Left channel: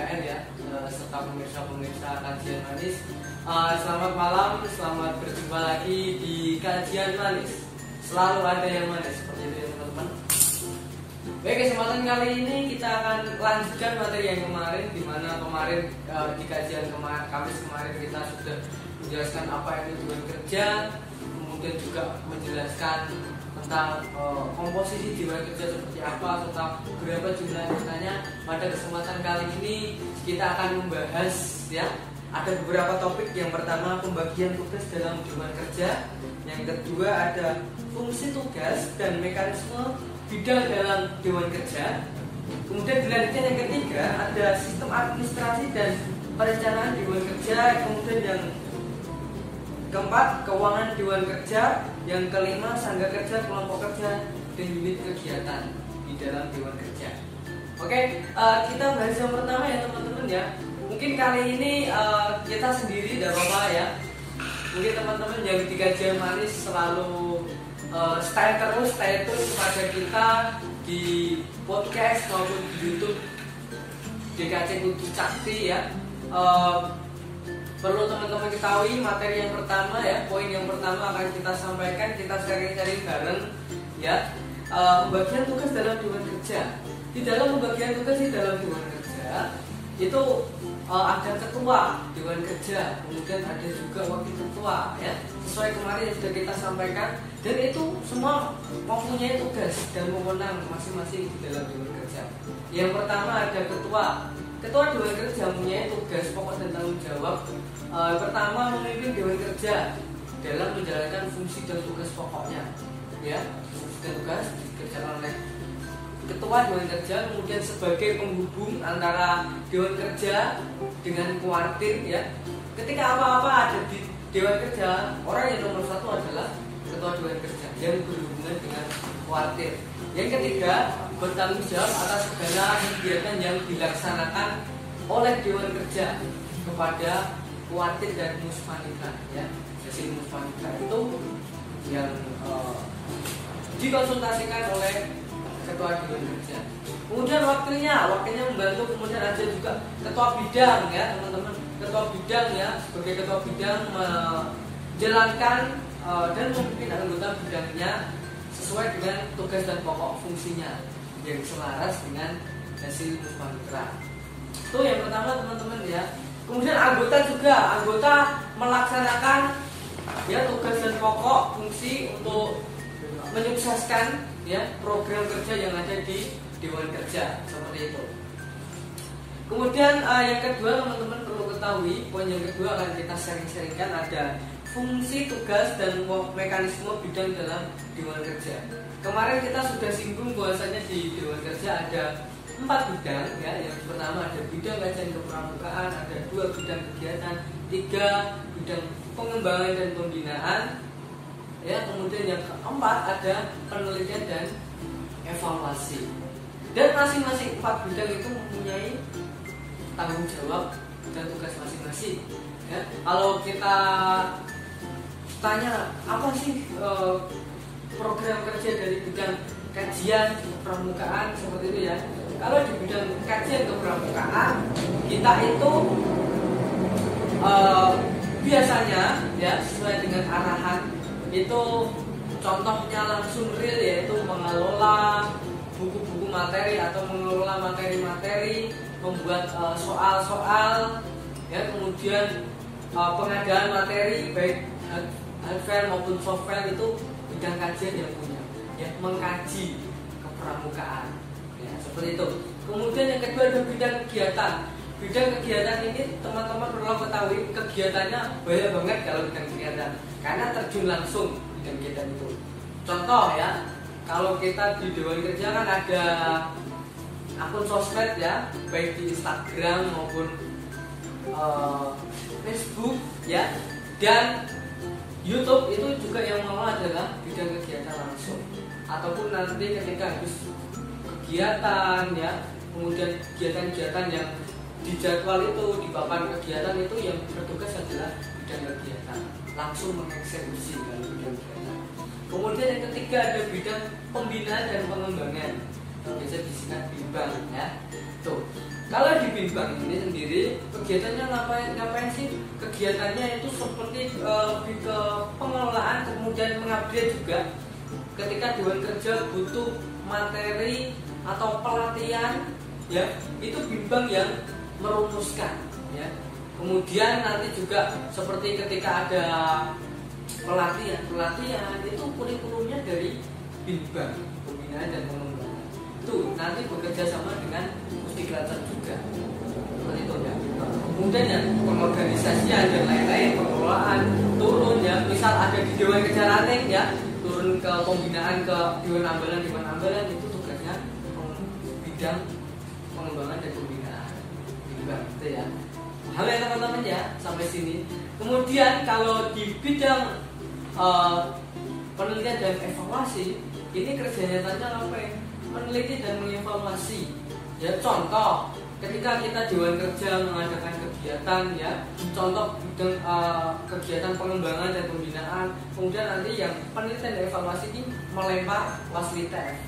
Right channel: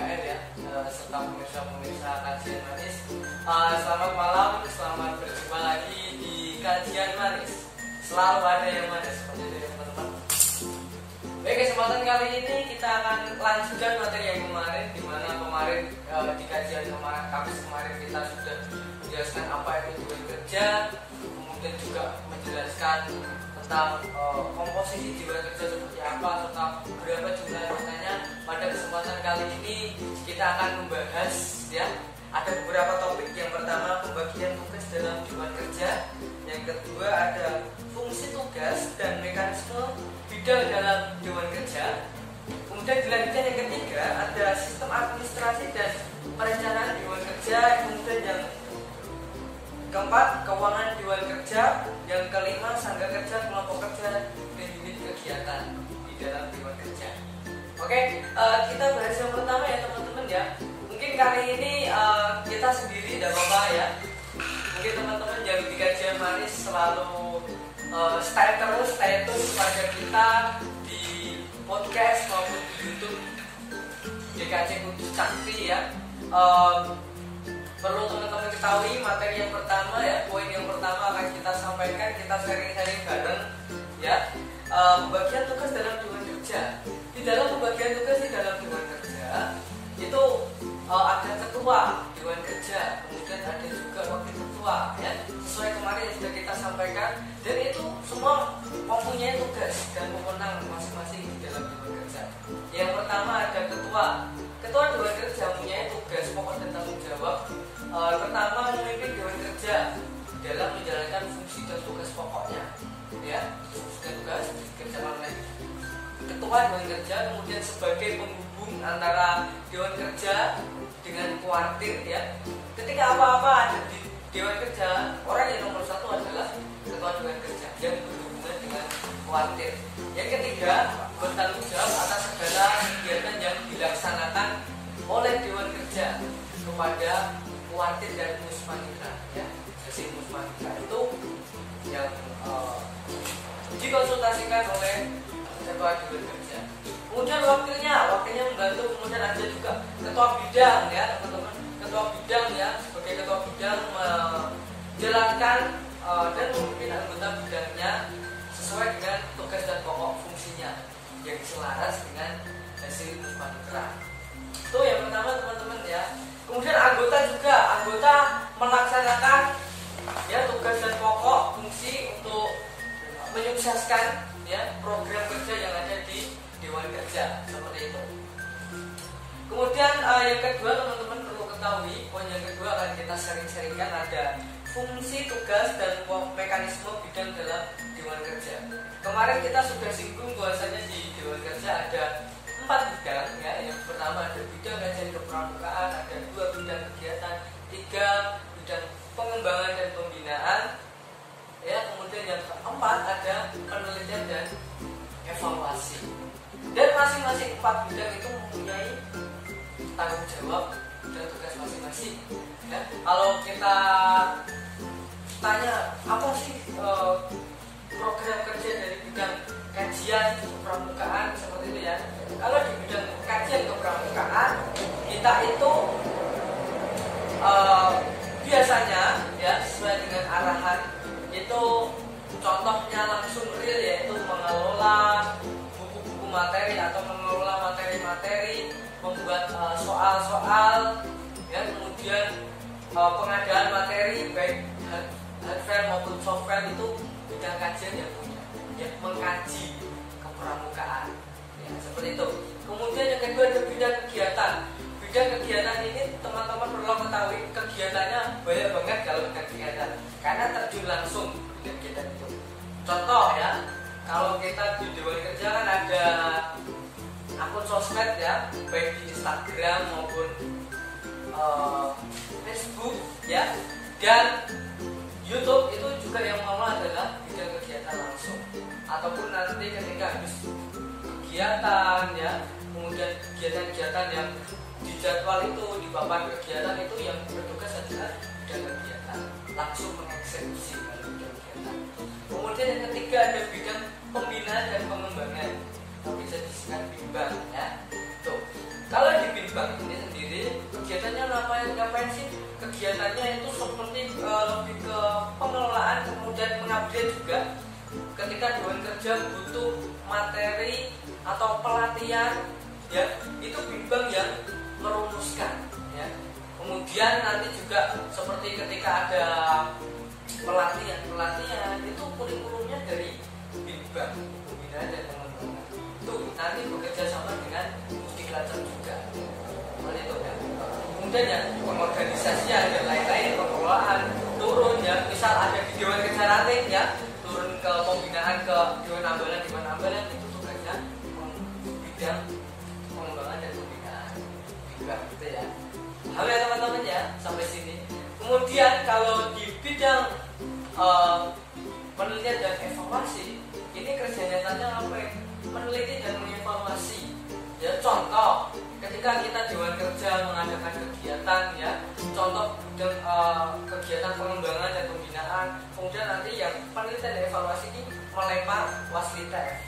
PKN ya, serta pemirsa-pemirsa kajian manis. Selamat malam, selamat berjumpa lagi di kajian manis. Selalu ada yang manis seperti itu ya teman-teman. Baik, kesempatan kali ini kita akan lanjutkan materi yang kemarin, di mana kemarin di kajian Kamis kemarin kita sudah menjelaskan apa itu dewan kerja, kemudian juga menjelaskan tentang komposisi dewan kerja seperti apa serta berapa jumlah anggotanya. Pada kesempatan kali ini kita akan membahas ya, ada beberapa topik. Yang pertama pembagian tugas dalam dewan kerja, yang kedua ada fungsi tugas dan mekanisme bidang dalam dewan kerja, kemudian dilanjutkan yang ketiga ada sistem administrasi dan perencanaan dewan kerja, kemudian yang keempat keuangan dewan kerja, yang kelima sangga kerja, kelompok kerja, dan unit kegiatan di dalam dewan kerja. Oke, kita bahas yang pertama ya teman-teman ya. Mungkin kali ini kita sendiri tidak apa-apa ya. Mungkin teman-teman yang di kajian manis selalu stay tune kepada kita di podcast maupun di YouTube DKC Kudus Cakti ya. Perlu teman-teman ketahui materi yang pertama ya, poin yang pertama akan kita sampaikan, kita sharing-sharing bareng ya. Pembagian tugas dalam dewan kerja. Di dalam pembagian tugas di dalam dewan kerja itu ada ketua dewan kerja, kemudian ada juga wakil ketua ya, sesuai kemarin yang sudah kita sampaikan, dan itu semua mempunyai tugas dan wewenang masing-masing di dalam dewan kerja. Yang pertama ada ketua. Ketua dewan kerja mempunyai tugas pokok dan tanggung jawab. Pertama memimpin dewan kerja dalam menjalankan fungsi dan tugas pokoknya ya, fungsi dan tugas dikerjakan oleh ketua dewan kerja, kemudian sebagai penghubung antara dewan kerja dengan kuartir ya. Ketika apa-apa ada di dewan kerja, orang yang nomor satu adalah ketua dewan kerja yang berhubungan dengan kuartir. Yang ketiga, bertanggung jawab atas segala kegiatan yang dilaksanakan oleh dewan kerja kepada kuartir dan musmanitra ya. Jadi musmanitra itu yang dikonsultasikan oleh ketua dewan kerja. Kemudian wakilnya membantu. Kemudian ada juga ketua bidang ya teman-teman. Ketua bidang ya, sebagai ketua bidang menjalankan dan memimpin anggota bidangnya sesuai dengan tugas dan pokok fungsinya yang selaras dengan hasil musmanitra. Itu yang pertama teman-teman ya. Kemudian anggota melaksanakan ya tugas dan pokok fungsi untuk menyukseskan ya program kerja yang ada di dewan kerja seperti itu. Kemudian yang kedua teman-teman perlu ketahui, poin yang kedua akan kita sharing-sharingkan ada fungsi tugas dan mekanisme bidang dalam dewan kerja. Kemarin kita sudah singgung bahwasanya di dewan kerja ada 4 bidang ya. Yang pertama ada bidang kajian kepramukaan, ada 2 bidang kegiatan, 3 bidang pengembangan dan pembinaan ya, kemudian yang keempat ada penelitian dan evaluasi. Dan masing-masing 4 bidang itu mempunyai tanggung jawab dan tugas masing-masing ya. Kalau kita tanya apa sih program kerja dari bidang kajian kepramukaan seperti itu ya. Kalau di bidang kajian kepramukaan kita itu biasanya ya sesuai dengan arahan itu, contohnya langsung real yaitu mengelola buku-buku materi atau mengelola materi-materi, membuat soal-soal ya, kemudian pengadaan materi baik hardware maupun software itu bidang kajian yang punya ya, mengkaji kepramukaan ya, seperti itu. Kemudian yang kedua ada bidang kegiatan. Bidang kegiatan ini teman-teman perlu ketahui kegiatannya banyak banget kalau bidang kegiatan, karena terjun langsung bidang kegiatan itu. Contoh ya, kalau kita di dewan kerja kan ada akun sosmed ya, baik di Instagram maupun Facebook ya, dan YouTube itu juga yang mengelola adalah bidang kegiatan langsung. Ataupun nanti ketika habis kegiatan ya, kemudian kegiatan-kegiatan yang di jadwal itu, di papan kegiatan itu yang bertugas adalah bidang kegiatan, langsung mengeksekusi kalau bidang kegiatan. Kemudian yang ketiga ada bidang pembinaan dan pengembangan, atau bisa disingkat bimbang ya. Tuh, kalau di Bimbang ini sendiri kegiatannya ngapain sih? Kegiatannya itu seperti lebih ke pengelolaan, kemudian mengupdate juga. Ketika Dewan Kerja butuh materi atau pelatihan, ya itu Bimbang yang merumuskan, ya. Kemudian nanti juga seperti ketika ada pelatihan itu kurikulumnya dari Bimbang, pembinaan dan pengembangan. Itu nanti bekerja sama dengan Pusdiklatser juga. Seperti itu ya. Kemudian ya pengorganisasian dan lain-lain, pengelolaan turun ya. Misal ada di Dewan Kerja Ranting ya, turun ke pembinaan ke Dewan Ambalan itu tugasnya bidang pengembangan dan pembinaan Bimbang gitu ya. Paham ya teman-teman ya sampai sini. Kemudian kalau di bidang penelitian dan evaluasi, ini kerja nyatanya apa ya? Meneliti dan mengevaluasi. Ya contoh, ketika kita Dewan Kerja mengadakan kegiatan ya, contoh kegiatan pengembangan dan pembinaan, kemudian nanti yang penelitian dan evaluasi ini melempar Waslitek.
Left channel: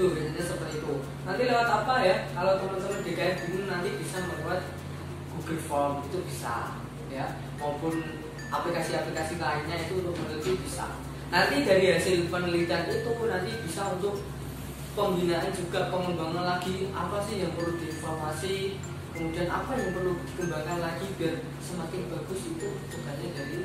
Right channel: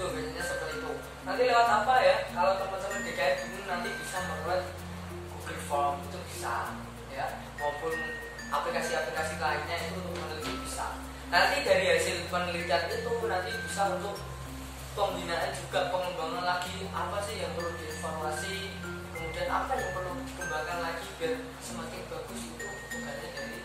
Tuh biasanya seperti itu. Nanti lewat apa ya? Kalau teman-teman DKI bingung nanti bisa melewat Google Form itu bisa ya, maupun aplikasi-aplikasi lainnya itu untuk meneliti bisa. Nanti dari hasil penelitian itu nanti bisa untuk pembinaan juga, pengembangan lagi apa sih yang perlu dievaluasi, kemudian apa yang perlu dikembangkan lagi biar semakin bagus. Itu tugasnya dari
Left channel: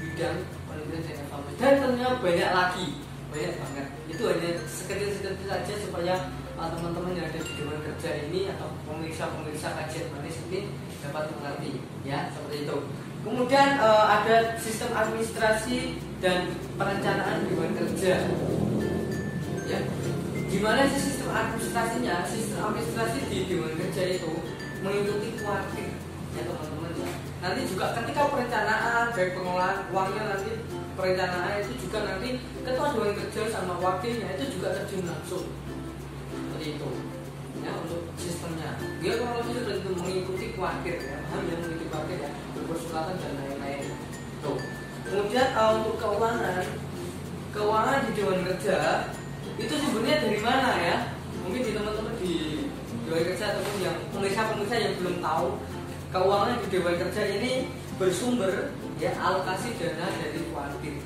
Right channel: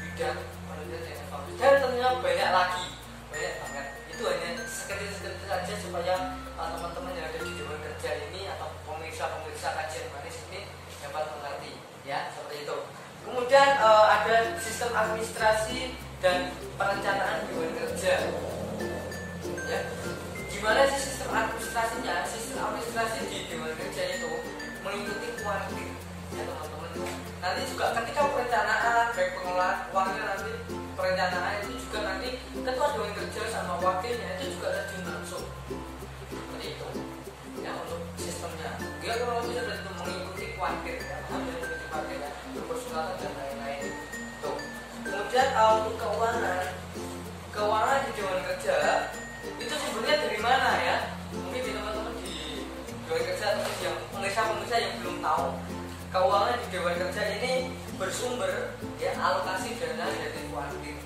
bidang penelitian dan evaluasi. Dan ternyata banyak banget. Itu hanya sekedar saja supaya teman-teman yang ada di Dewan Kerja ini atau pemirsa kajian manis ini dapat mengerti ya, seperti itu. Kemudian ada sistem administrasi dan perencanaan Dewan Kerja ya. Gimana sih sistem administrasinya? Sistem administrasi di Dewan Kerja itu mengikuti kuartik ya teman-teman ya. Nanti juga ketika perencanaan, baik pengelolaan uangnya, nanti perencanaan itu juga nanti ketua Dewan Kerja sama wakilnya itu juga terjun langsung seperti itu ya untuk sistemnya. Dia kurang lebih seperti itu, mengikuti kuartik ya, paham ya, mengikuti kuartik ya, berpersulatan dan lain-lain. Tuh. Kemudian untuk keuangan di Dewan Kerja itu sebenarnya dari mana ya? Mungkin di teman-teman di Dewan Kerja ataupun yang pemirsa yang belum tahu, keuangan di Dewan Kerja ini bersumber ya alokasi dana dari kuartir.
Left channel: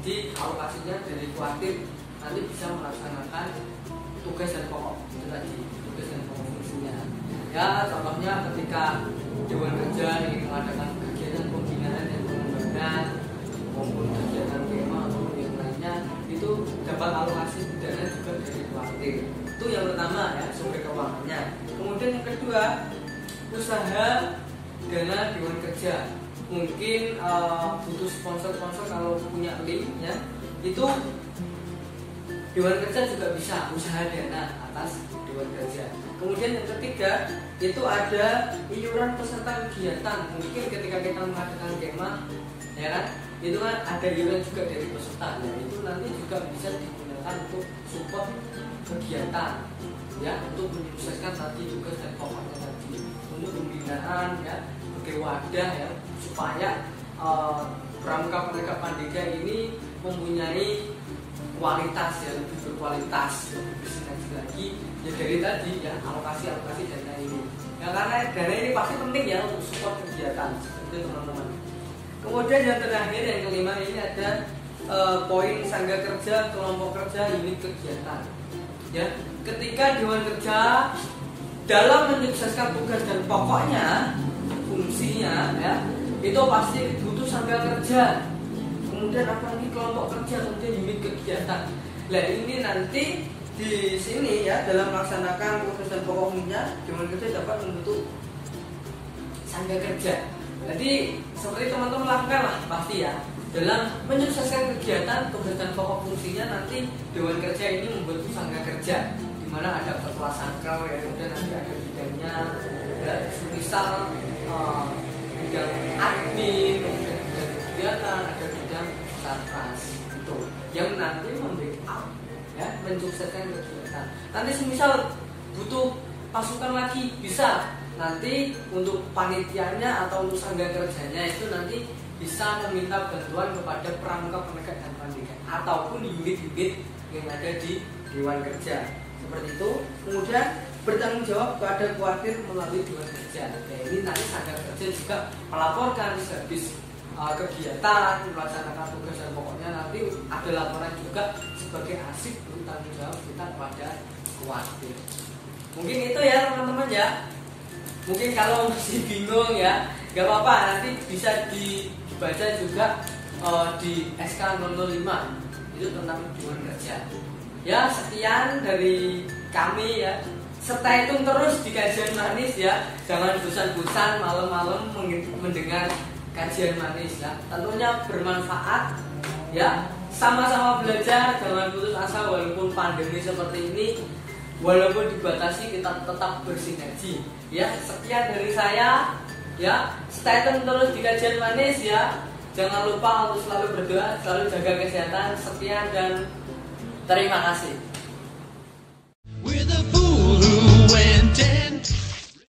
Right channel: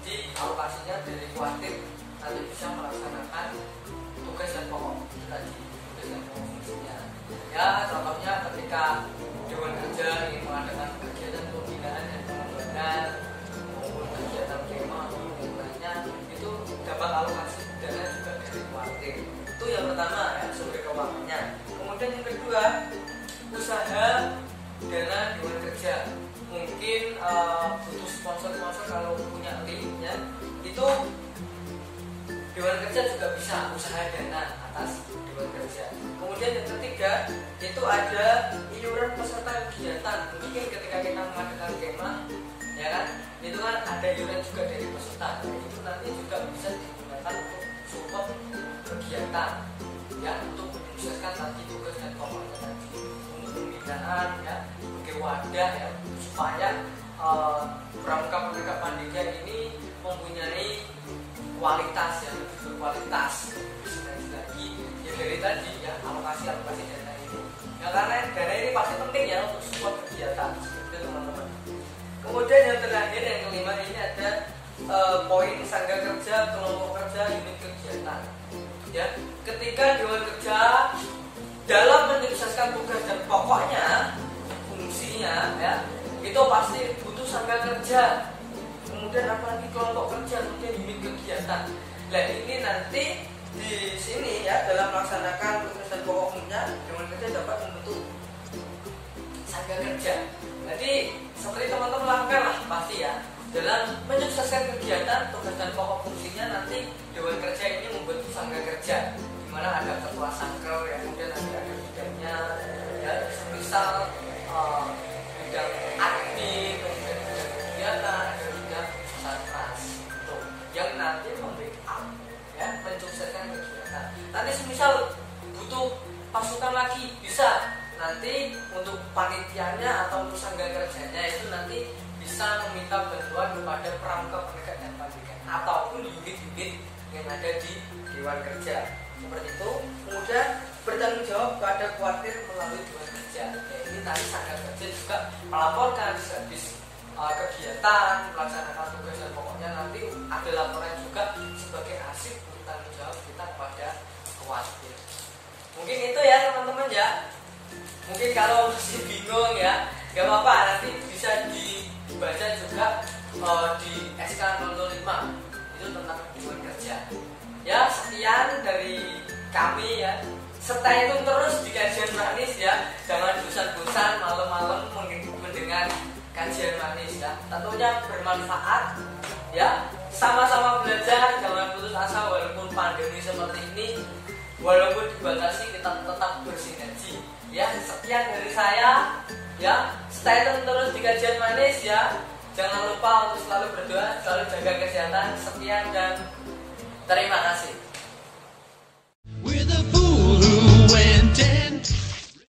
Jadi alokasinya dari kuartir nanti bisa melaksanakan tugas dan pokok itu tadi, tugas dan pokok fungsinya. Ya contohnya ketika Dewan Kerja ingin mengadakan kegiatan pembinaan dan pengembangan maupun kegiatan kema ataupun yang lainnya, itu dapat alokasi dana juga dari kuartir. Itu yang pertama ya, sumber keuangannya. Kemudian yang kedua, usaha dana Dewan Kerja. Mungkin butuh sponsor kalau punya link ya, itu Dewan Kerja juga bisa usaha dana atas Dewan Kerja. Kemudian yang ketiga itu ada iuran peserta kegiatan. Mungkin ketika kita mengadakan kemah ya kan, itu kan ada iuran juga dari peserta. Nah, itu nanti juga bisa digunakan untuk support kegiatan ya, untuk menyukseskan tadi tugas dan pokoknya tadi, untuk pembinaan ya, sebagai wadah ya, supaya Pramuka Penegak Pandega ini mempunyai kualitas yang lebih berkualitas, lebih bersinergi lagi ya dari tadi ya, alokasi dana ini ya, karena dana ini pasti penting ya untuk support kegiatan seperti itu teman-teman. Kemudian yang terakhir, yang kelima, ini ada poin sangga kerja, kelompok kerja, unit kegiatan ya. Ketika Dewan Kerja dalam menyukseskan tugas dan pokoknya fungsinya ya, itu pasti butuh sangga kerja, kemudian apalagi kelompok kerja, kemudian unit kegiatan. Nah ini nanti di sini ya, dalam melaksanakan tugas dan pokok fungsinya, Dewan Kerja dapat membentuk sangga kerja. Jadi seperti teman-teman lakukan lah pasti ya, dalam menyukseskan kegiatan tugas dan pokok fungsinya, nanti Dewan Kerja ini membentuk sangga kerja, di mana ada ketua sangkel ya, kemudian nanti ada bidangnya ya, misal bidang admin, kemudian bidang kegiatan, ada bidang sarpras itu yang nanti membackup ya, mensukseskan kegiatan. Nanti semisal butuh pasukan lagi bisa, nanti untuk panitianya atau untuk sangga kerjanya itu nanti bisa meminta bantuan kepada Pramuka Penegak dan Pandega ataupun unit-unit yang ada di Dewan Kerja seperti itu. Kemudian bertanggung jawab pada kuartir melalui dewan kerja. Ini nanti Sanggar Kerja juga melaporkan habis kegiatan melaksanakan tugas dan pokoknya nanti ada laporan juga sebagai hasil tanggung jawab kita kepada kuartir. Mungkin itu ya teman-teman ya. Mungkin kalau masih bingung ya, gak apa-apa, nanti bisa dibaca juga di SK 005 itu tentang dewan kerja. Ya, sekian dari kami ya. Stay tune terus di kajian manis ya. Jangan bosan-bosan malam-malam mendengar kajian manis ya. Tentunya bermanfaat ya. Sama-sama belajar, jangan putus asa walaupun pandemi seperti ini. Walaupun dibatasi kita tetap bersinergi. Ya, sekian dari saya. Ya, stay tune terus di kajian manis ya. Jangan lupa untuk selalu berdoa, selalu jaga kesehatan. Sekian dan terima kasih.